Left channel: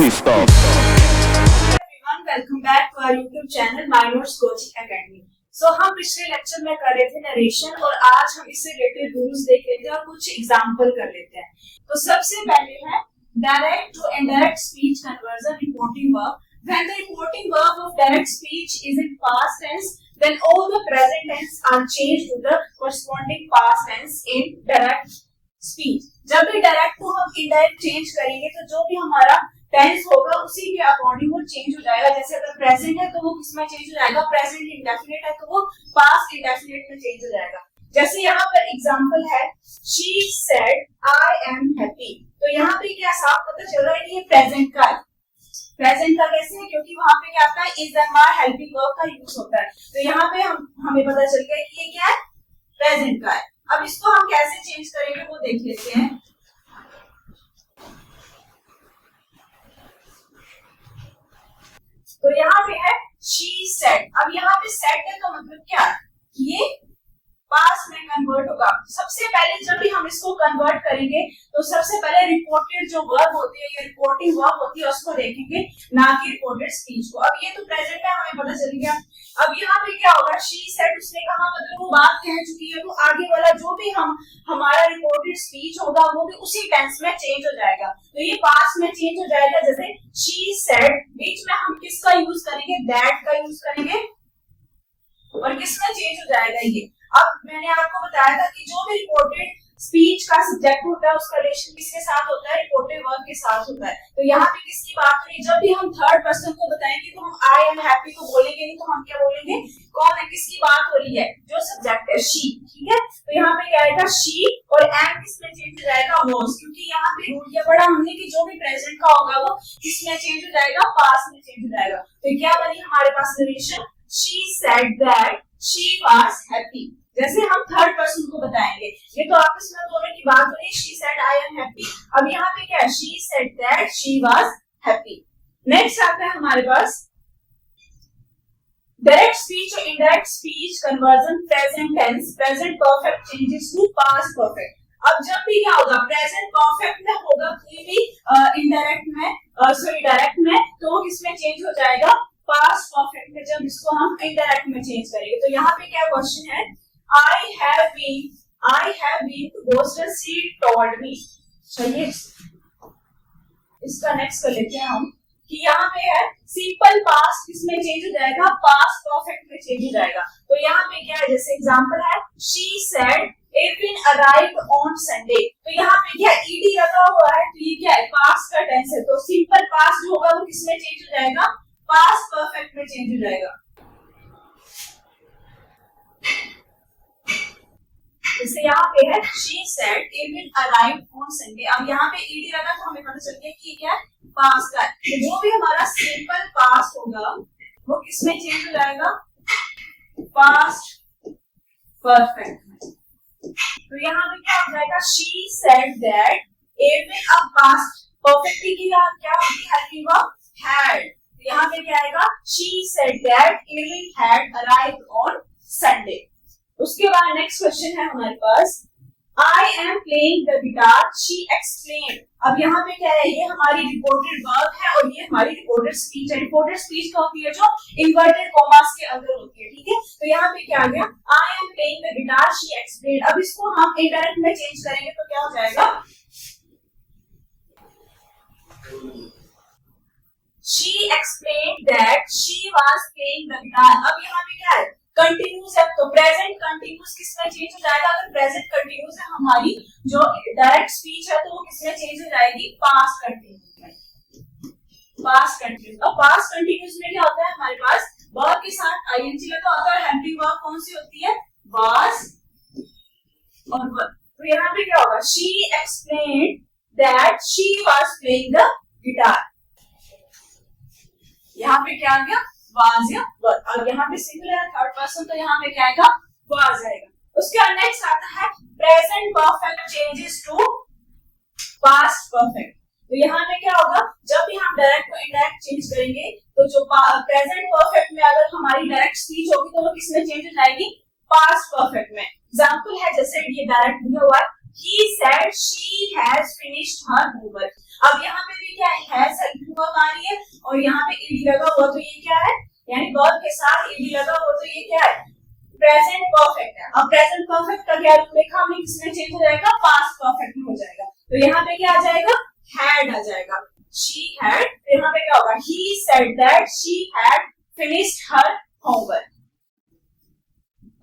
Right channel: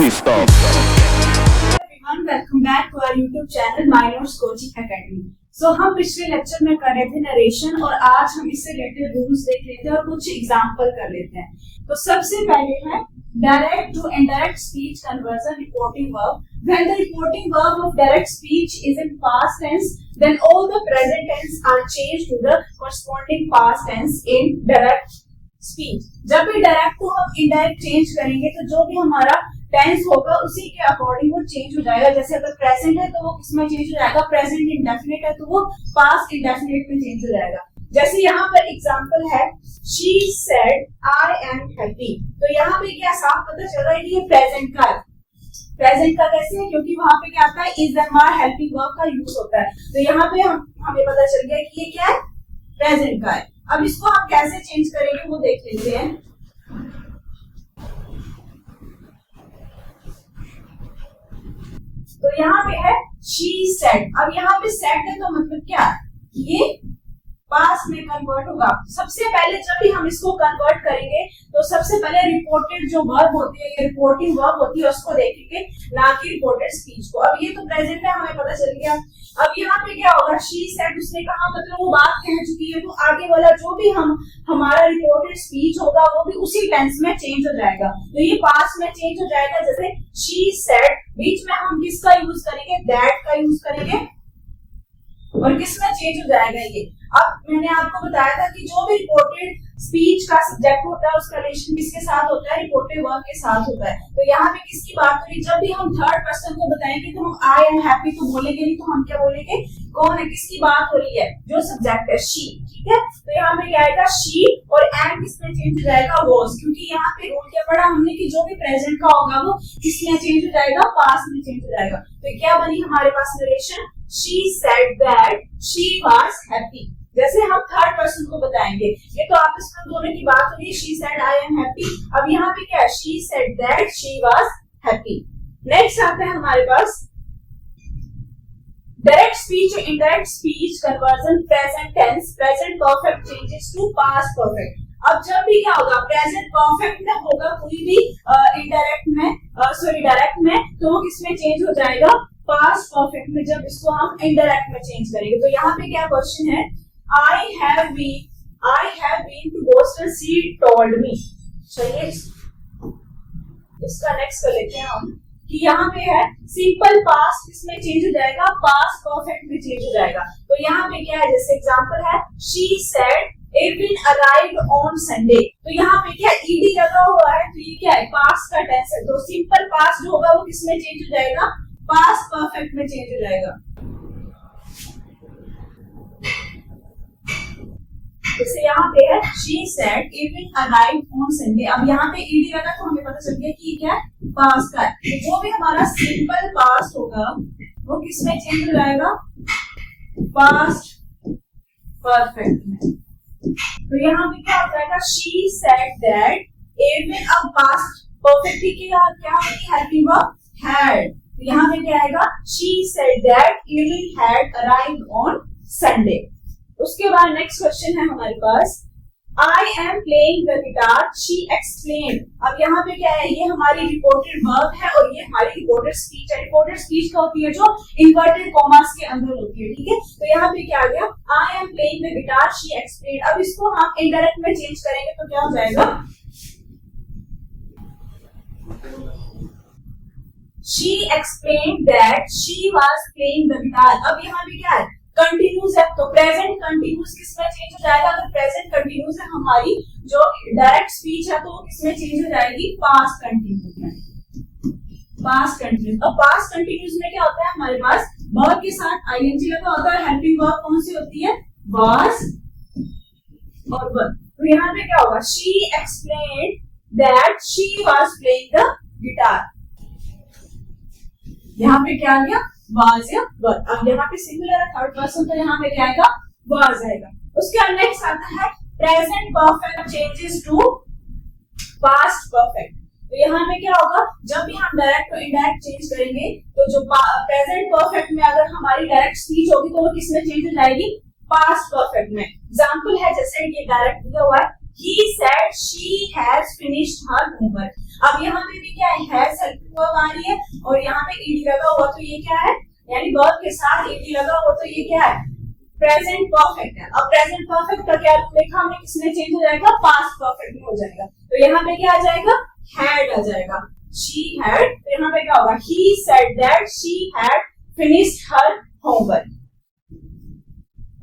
Please stop. Everyone, welcome back to our YouTube channel My Notes Coaching Academy. So हम पिछले lecture में कर रहे थे नरेशन और आज हम इससे रिलेटेड रूल्स देख लेते हैं और कुछ एग्जांपल कर लेते हैं. तो सबसे पहले है direct to indirect speech conversion reporting verb. When the reporting verb of direct speech is in past tense, then all the present tense are changed to the corresponding past tense in direct speech. जब भी direct को हम indirect change करेंगे तो जो भी हमारा tense होगा उसी के अकॉर्डिंग वो चेंज हो जाएगा. जैसे अगर प्रेजेंट है तो वो किसमें चेंज हो जाएगा, प्रेजेंट इंडेफिनिट है तो वो पास्ट इंडेफिनिट में चेंज हो जाएगा. जैसे यहाँ पर एग्जांपल है she said I am happy. तो यहाँ पे क्या साफ पता चल रहा है कि ये प्रेजेंट का है. प्रेजेंट का कैसे है, क्योंकि वहां पे क्या आता है is am are helping verb का यूज होता है. तो यहाँ पे हमें पता चल गया कि ये क्या है, प्रेजेंट का है. अब इसको हम कैसे चेंज करेंगे वो देख लेते हैं. तो यहाँ पे है शी सेड. अब यहाँ पे सेड है तो मतलब क्या, ये पास्ट में कन्वर्ट होगा. सबसे पहले जब भी हम इसको कन्वर्ट करेंगे तो सबसे पहले रिपोर्टेड जो वर्ब होती है, ये रिपोर्टिंग वर्ब होती है, उसको देखेंगे, ना कि रिपोर्टेड स्पीच को. अब ये तो प्रेजेंट में हमें पता चल गया. अब यहाँ पे क्या होगा, शी सेड उसने कहा मतलब वो बात कह चुकी है, तो आगे वाला जो भी हमारा रिपोर्टेड स्पीच होगा वो भी उसी टेंस में चेंज हो जाएगा. तो ये पास्ट में चेंज हो जाएगा. जैसे शी सेड, बीच में हम किसका यूज करेंगे, दैट का यूज करेंगे, और किसमें चेंज हो जाएगा ये. अब मैंने आपको बताया था कि जो भी रिपोर्टेड स्पीच का सब्जेक्ट होता है उसका रिलेशन किसके साथ होता है, रिपोर्टेड वर्ब के साथ होता है. तो यहाँ पे किसकी बात हो रही है, जब भी हम थर्ड पर्सन को बताएंगे तो हम आई एम हैप्पी तो बोलेंगे नहीं, तो हम क्या बोलेंगे, कौन है, किसकी बात हो रही है, जो सब्जेक्ट है शी. ठीक है, तो यहाँ पे क्या आएगा शी, और एम किसमें चेंज हो जाएगा, वॉज. क्योंकि यहाँ पे रूल क्या पढ़ा हमने कि जो भी प्रेजेंट का होगा वो किसमें चेंज हो जाएगा, पास्ट में चेंज हो जाएगा. तो क्या बनी हमारे पास narration, she said that she was happy. जैसे हम थर्ड पर्सन को बताएंगे, ये तो आपस में दोनों की बात हो रही है, she said I am happy. अब यहाँ पे क्या है, she said that she was happy. Next आता है हमारे पास डायरेक्ट स्पीच और indirect speech conversion present tense present perfect changes to past perfect. अब जब भी क्या होगा, प्रेजेंट परफेक्ट में होगा कोई भी इनडायरेक्ट में डायरेक्ट में, तो वो किसमें चेंज हो जाएगा, पास्ट परफेक्ट में. जब इसको हम इनडायरेक्ट में चेंज करेंगे तो यहाँ पे क्या क्वेश्चन है, I have been to Boston. She told me. चलिए इसका नेक्स्ट कर लेते हैं हम कि यहाँ पे है सिंपल पास्ट किसमें चेंज हो जाएगा, पास्ट परफेक्ट में चेंज हो जाएगा. तो यहाँ पे क्या है, जैसे एग्जांपल है she said Irvin arrived on Sunday. तो यहाँ पे क्या ed लगा हुआ है, तो ये क्या है, पास्ट का टेंस है. तो सिंपल पास्ट जो होगा वो किसमें चेंज हो जाएगा, पास्ट परफेक्ट में चेंज हो जाएगा. जैसे यहाँ पे है she said Irvin arrived on Sunday. अब यहाँ पे ed लगा तो हमें पता चल गया कि क्या है, पास्ट का है. तो जो भी हमारा सिंपल पास्ट होगा वो किसमें चेंज हो जाएगा, पास्ट परफेक्ट में. तो यहाँ पे क्या हो जाएगा, she said that Irvin. अब पास्ट परफेक्ट की क्या होती है, हेल्पिंग वर्ब had. तो यहाँ पे क्या आएगा, she said that Irvin had arrived on Sunday. उसके बाद नेक्स्ट क्वेश्चन है हमारे पास, I am playing the guitar, she explained. अब यहाँ पे क्या है, ये हमारी रिपोर्टेड वर्ब है और ये हमारी रिपोर्टेड स्पीच है. रिपोर्टेड स्पीच क्या होती है, जो इन्वर्टेड कॉमास के अंदर होती है. ठीक है, तो यहाँ पे क्या आ गया, I am playing the guitar, she explained. अब इसको हम इनडायरेक्ट में चेंज करेंगे तो क्या हो जाएगा, she explained that she was playing the guitar. अब यहाँ पे क्या है, कंटिन्यूस है, तो प्रेजेंट कंटिन्यूस किसमें चेंज हो जाएगा, अगर प्रेजेंट कंटिन्यूस है हमारी जो डायरेक्ट स्पीच है तो वो किसमें चेंज हो जाएगी, पास्ट कंटिन्यूस में. Past continuous. अब पास्ट कंटिन्यूस में क्या होता है, हमारे पास वर्ब के साथ आईएनजी लगा होता है. हेल्पिंग वर्ब कौन सी होती है, वाज और वर. तो यहाँ पे क्या होगा, she explained that she was playing the guitar. यहाँ पे क्या आ गया, वाज या वर. अब यहाँ पे सिंगुलर है, थर्ड पर्सन, तो यहाँ पे क्या आएगा, वाज आएगा. उसके बाद नेक्स्ट आता है present perfect changes to past perfect. तो यहाँ पे क्या होगा, जब भी हम डायरेक्ट को इनडायरेक्ट चेंज करेंगे तो जो प्रेजेंट परफेक्ट में अगर हमारी डायरेक्ट स्पीच होगी तो वो किसमें चेंज हो जाएगी, पास्ट परफेक्ट में. एग्जांपल है जैसे ये डायरेक्ट दिया हुआ है, he said she has finished her homework. अब यहाँ पे भी क्या है, हैज हेल्पिंग वर्ब आ रही है और यहाँ पे ईडी लगा हुआ, तो ये क्या है, यानी वर्ब के साथ ईडी लगा हुआ, तो ये क्या है, प्रेजेंट परफेक्ट है। अब प्रेजेंट परफेक्ट का क्या लिखा हमने, किसमें चेंज हो जाएगा, पास्ट परफेक्ट में हो जाएगा। तो यहाँ पे क्या आ जाएगा, हैड आ जाएगा, शी हैड। तो यहाँ पे क्या होगा, he said that she had finished her homework.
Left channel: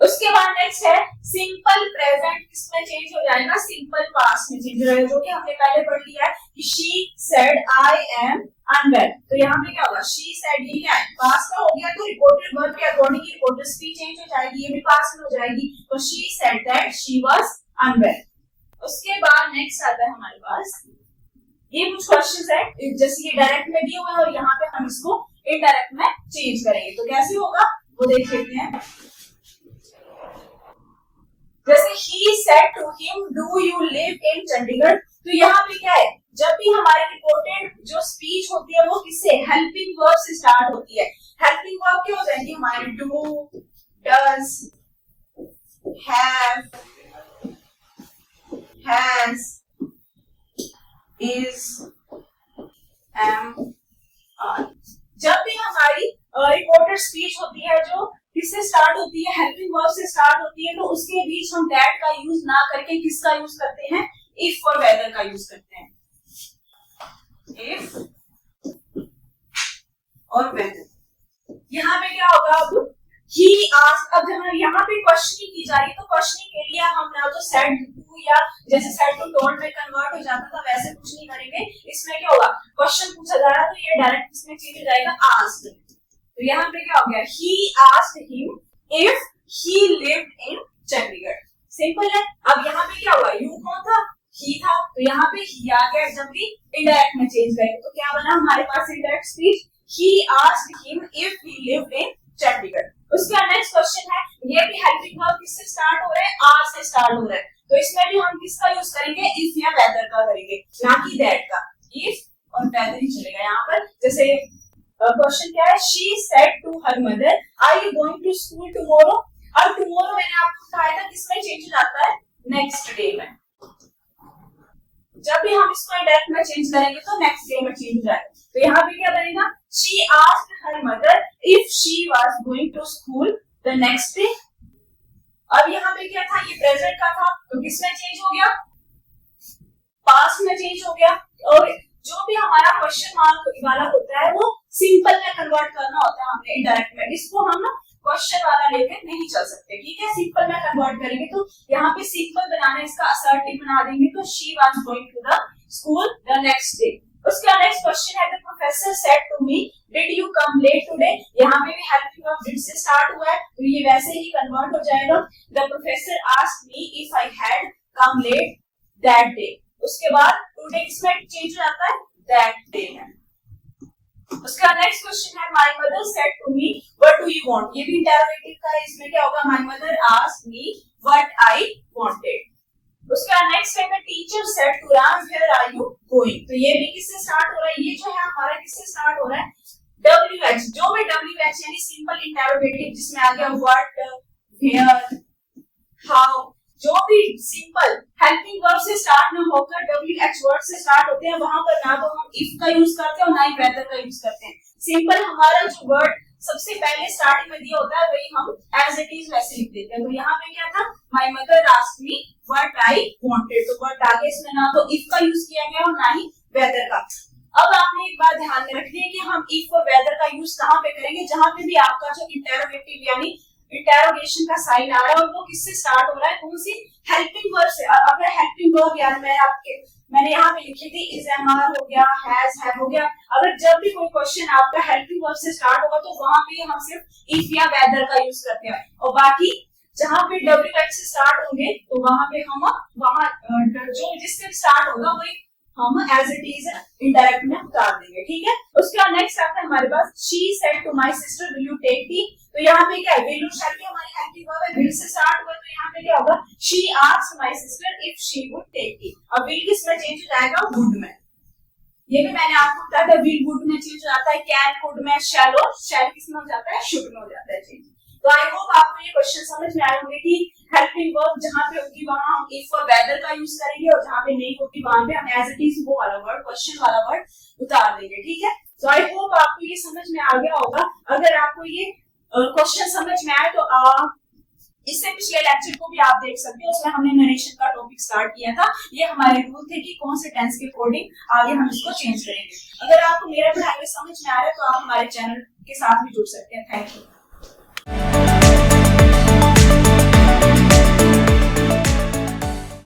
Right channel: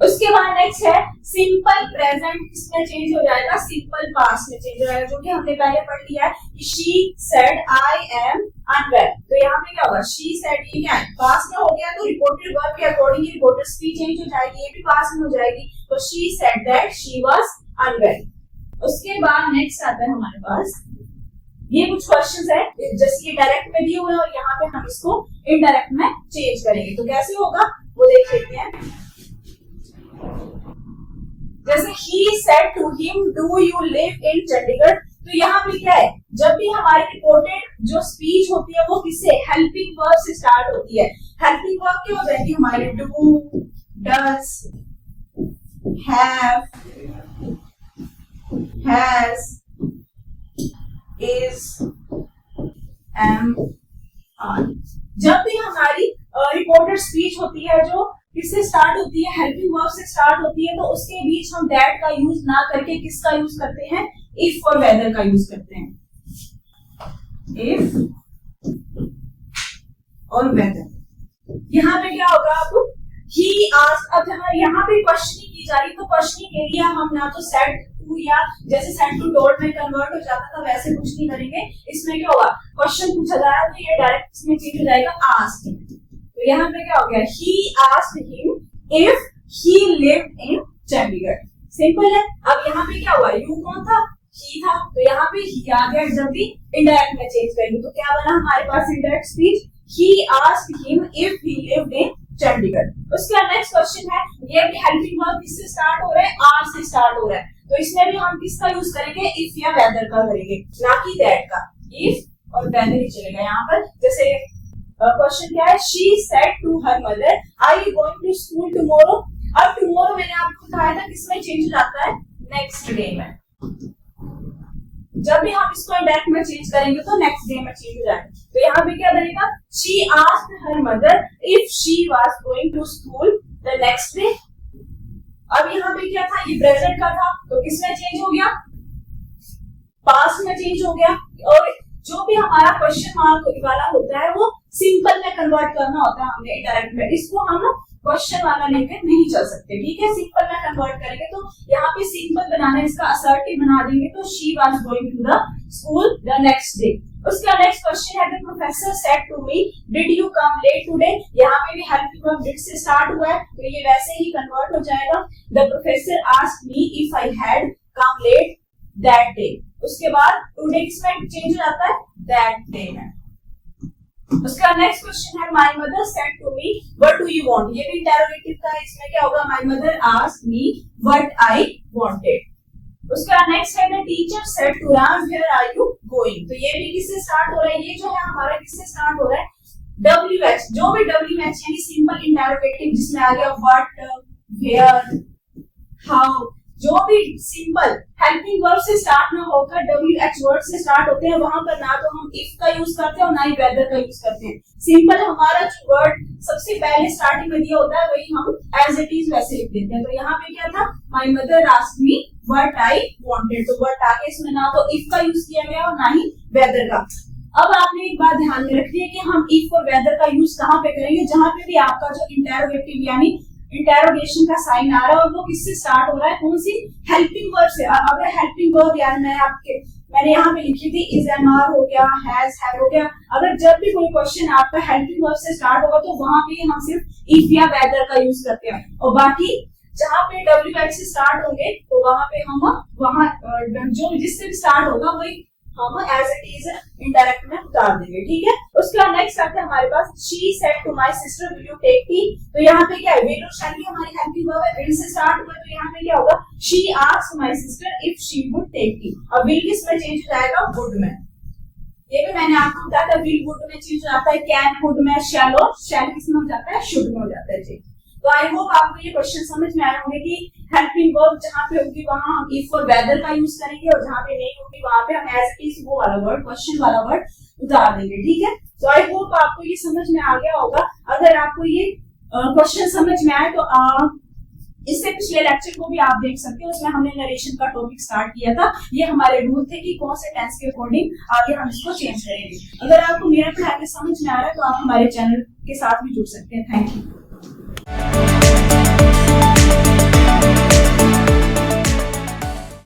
उसके बाद नेक्स्ट है सिंपल प्रेजेंट, किसमें चेंज हो जाएगा, सिंपल पास्ट में चेंज हो जाएगा, जो कि हमने पहले पढ़ लिया है कि she said I am unwell. तो यहाँ पे क्या होगा, शी सेड, ये क्या है, पास्ट में हो गया, तो रिपोर्टेड वर्ब के अकॉर्डिंग रिपोर्टेड स्पीच चेंज हो जाएगी, ये भी पास्ट में हो जाएगी। तो she said that she was unwell. उसके बाद नेक्स्ट आता है हमारे पास, ये कुछ क्वेश्चंस है, जैसे ये डायरेक्ट में दिए हुए हैं और यहाँ पे हम इसको इनडायरेक्ट में चेंज करेंगे, तो कैसे होगा वो देख लेते हैं। जैसे he said to him, do you live in Chandigarh, तो यहाँ पे क्या है, जब भी हमारी रिपोर्टेड जो स्पीच होती है वो किससे, हेल्पिंग वर्ब से स्टार्ट होती है। हेल्पिंग वर्ब क्या हो जाएगी हमारे, do, does, have, has, is, am, are। जब भी हमारी रिपोर्टेड स्पीच होती है जो किससे स्टार्ट होती है, हेल्पिंग वर्ब से स्टार्ट होती है, तो उसके बीच हम दैट का यूज ना करके किसका यूज करते हैं, इफ और वेदर का यूज करते हैं, इफ और वेदर। यहाँ पे क्या होगा, अब ही आस्क्ड, अब जहाँ यहाँ पे क्वेश्चनिंग की जा रही है, तो क्वेश्चनिंग के लिए हम ना तो सेड टू या जैसे सेड टू टोल्ड में कन्वर्ट हो जाता था वैसे कुछ नहीं करेंगे। इसमें क्या होगा, क्वेश्चन पूछा जा रहा है तो ये डायरेक्ट इसमें चेंज हो जाएगा आस्क्ड। तो यहाँ पे क्या हो गया, he asked him if he lived in Chandigarh. Simple है। अब यहाँ पे क्या हुआ, यू कौन था, he था, तो यहाँ पे he आ गया। जब भी इनडायरेक्ट में चेंज करेंगे तो क्या बना हमारे पास indirect speech, he asked him if he lived in Chandigarh. उसके बाद नेक्स्ट क्वेश्चन है, ये भी हेल्पिंग वर्ब किससे स्टार्ट हो रहा है, आर से स्टार्ट हो रहा है, तो इसमें भी हम किसका यूज करेंगे, इफ या वेदर का करेंगे, ना कि दैट का। इफ और वेदर ही चलेगा यहाँ पर। जैसे क्वेश्चन क्या है, she said to her mother, are you going to school tomorrow. अब टुमारो मैंने आपको बताया था किसमें चेंज हो जाता है, नेक्स्ट डे में। जब भी हम इसको इनडायरेक्ट में चेंज करेंगे तो नेक्स्ट डे में चेंज हो जाएगा। तो यहाँ पे क्या बनेगा, she asked her mother if she was going to school the next day. अब यहाँ पे क्या था, ये प्रेजेंट का था, तो किसमें चेंज हो गया, पास्ट में चेंज हो गया। और जो भी हमारा क्वेश्चन मार्क वाला होता है वो सिंपल में कन्वर्ट करना होता है हमने इनडायरेक्ट में, इसको हम क्वेश्चन वाला लेकर नहीं चल सकते, ठीक है। सिंपल में कन्वर्ट करेंगे तो यहाँ पे सिंपल बनाने, इसका असर्टिव बना देंगे, तो she was going to the school the next day. उसका नेक्स्ट क्वेश्चन है, the professor said to me did you come late today. यहाँ पे भी हेल्पिंग वर्ब डिड से स्टार्ट हुआ है, तो ये वैसे ही कन्वर्ट हो जाएगा, the professor asked me if I had come late that day. उसके बाद टुडे किसमें चेंज हो जाता है, दैट डे में। उसका नेक्स्ट क्वेश्चन है, my mother said to me what do you want. ये भी इंटरोगेटिव का है, इसमें क्या होगा, my mother asked me what I wanted. उसका नेक्स्ट है, the teacher said to Ram where are you going. तो ये भी किससे स्टार्ट हो रहा है, ये जो है हमारा किससे स्टार्ट हो रहा है, WH। जो भी WH यानी सिंपल इंटरोगेटिव जिसमें आ गया व्हाट, वेयर, हाउ, जो भी सिंपल हेल्पिंग वर्ब से स्टार्ट न होकर WH वर्ड से स्टार्ट होते हैं, वहां पर ना तो हम इफ का यूज करते हैं और ना ही वेदर का यूज करते हैं। सिंपल हमारा जो वर्ड सबसे पहले स्टार्टिंग में दिया होता है वही हम एज इट इज वैसे लिख देते हैं। तो यहाँ पे क्या था, my mother asked me what I wanted, तो व्हाट आगे इसमें ना तो इफ का यूज किया गया और ना ही वेदर का। अब आपने एक बात ध्यान में रखनी है कि हम इफ और वेदर का यूज कहाँ पे करेंगे, जहां पे भी आपका जो इंटरोगेटिव यानी इंटरोगेशन का साइन आ रहा है और वो किससे स्टार्ट हो रहा है, कौन सी हेल्पिंग वर्ब से। अगर हेल्पिंग वर्ब यार मैंने यहाँ पे लिखी थी इज, एम, आर हो गया, हैज, हैव हो गया। अगर जब भी कोई क्वेश्चन आपका हेल्पिंग वर्ब से स्टार्ट होगा तो वहां पे हम सिर्फ इफ या वेदर का यूज करते हैं, और बाकी जहां पे WH से स्टार्ट होंगे तो वहां पे हम जो जिससे स्टार्ट होगा वही हम एज इट इज इनडायरेक्ट में उतार देंगे, ठीक है। उसके बाद नेक्स्ट आता है हमारे पास, she said to my sister will you take tea. तो यहाँ पे क्या है, विल और शैल भी हमारी हेल्पिंग वर्ब है, विल से स्टार्ट हुआ, तो यहाँ पे क्या होगा, she asked my sister if she would take tea. अब विल किस में चेंज हो जाएगा, वुड में। ये भी मैंने आपको बताया था, विल वुड में चेंज हो जाता है, कैन कुड में, शैल और शैल किस में हो जाता है, शुड में हो जाता है चेंज। तो आई होप आपको ये क्वेश्चन समझ में आए होंगे कि हेल्पिंग वर्ब जहां पे होगी वहां हम इफ और वेदर का यूज करेंगे, और जहां पे नहीं होगी वहां पे हम एज इट इज वो वाला वर्ड, क्वेश्चन वाला वर्ड उतार देंगे, ठीक है। सो आई होप आपको ये समझ में आ गया होगा। अगर आपको ये क्वेश्चन समझ में आए तो इससे पिछले लेक्चर को भी आप देख सकते हो, उसमें हमने नरेशन का टॉपिक स्टार्ट किया था। ये हमारे रूल थे कि कौन से टेंस के अकॉर्डिंग आगे हम इसको चेंज करेंगे। अगर आपको मेरा पढ़ाई समझ में आ रहा है तो आप हमारे चैनल के साथ भी जुड़ सकते हैं। Thank you.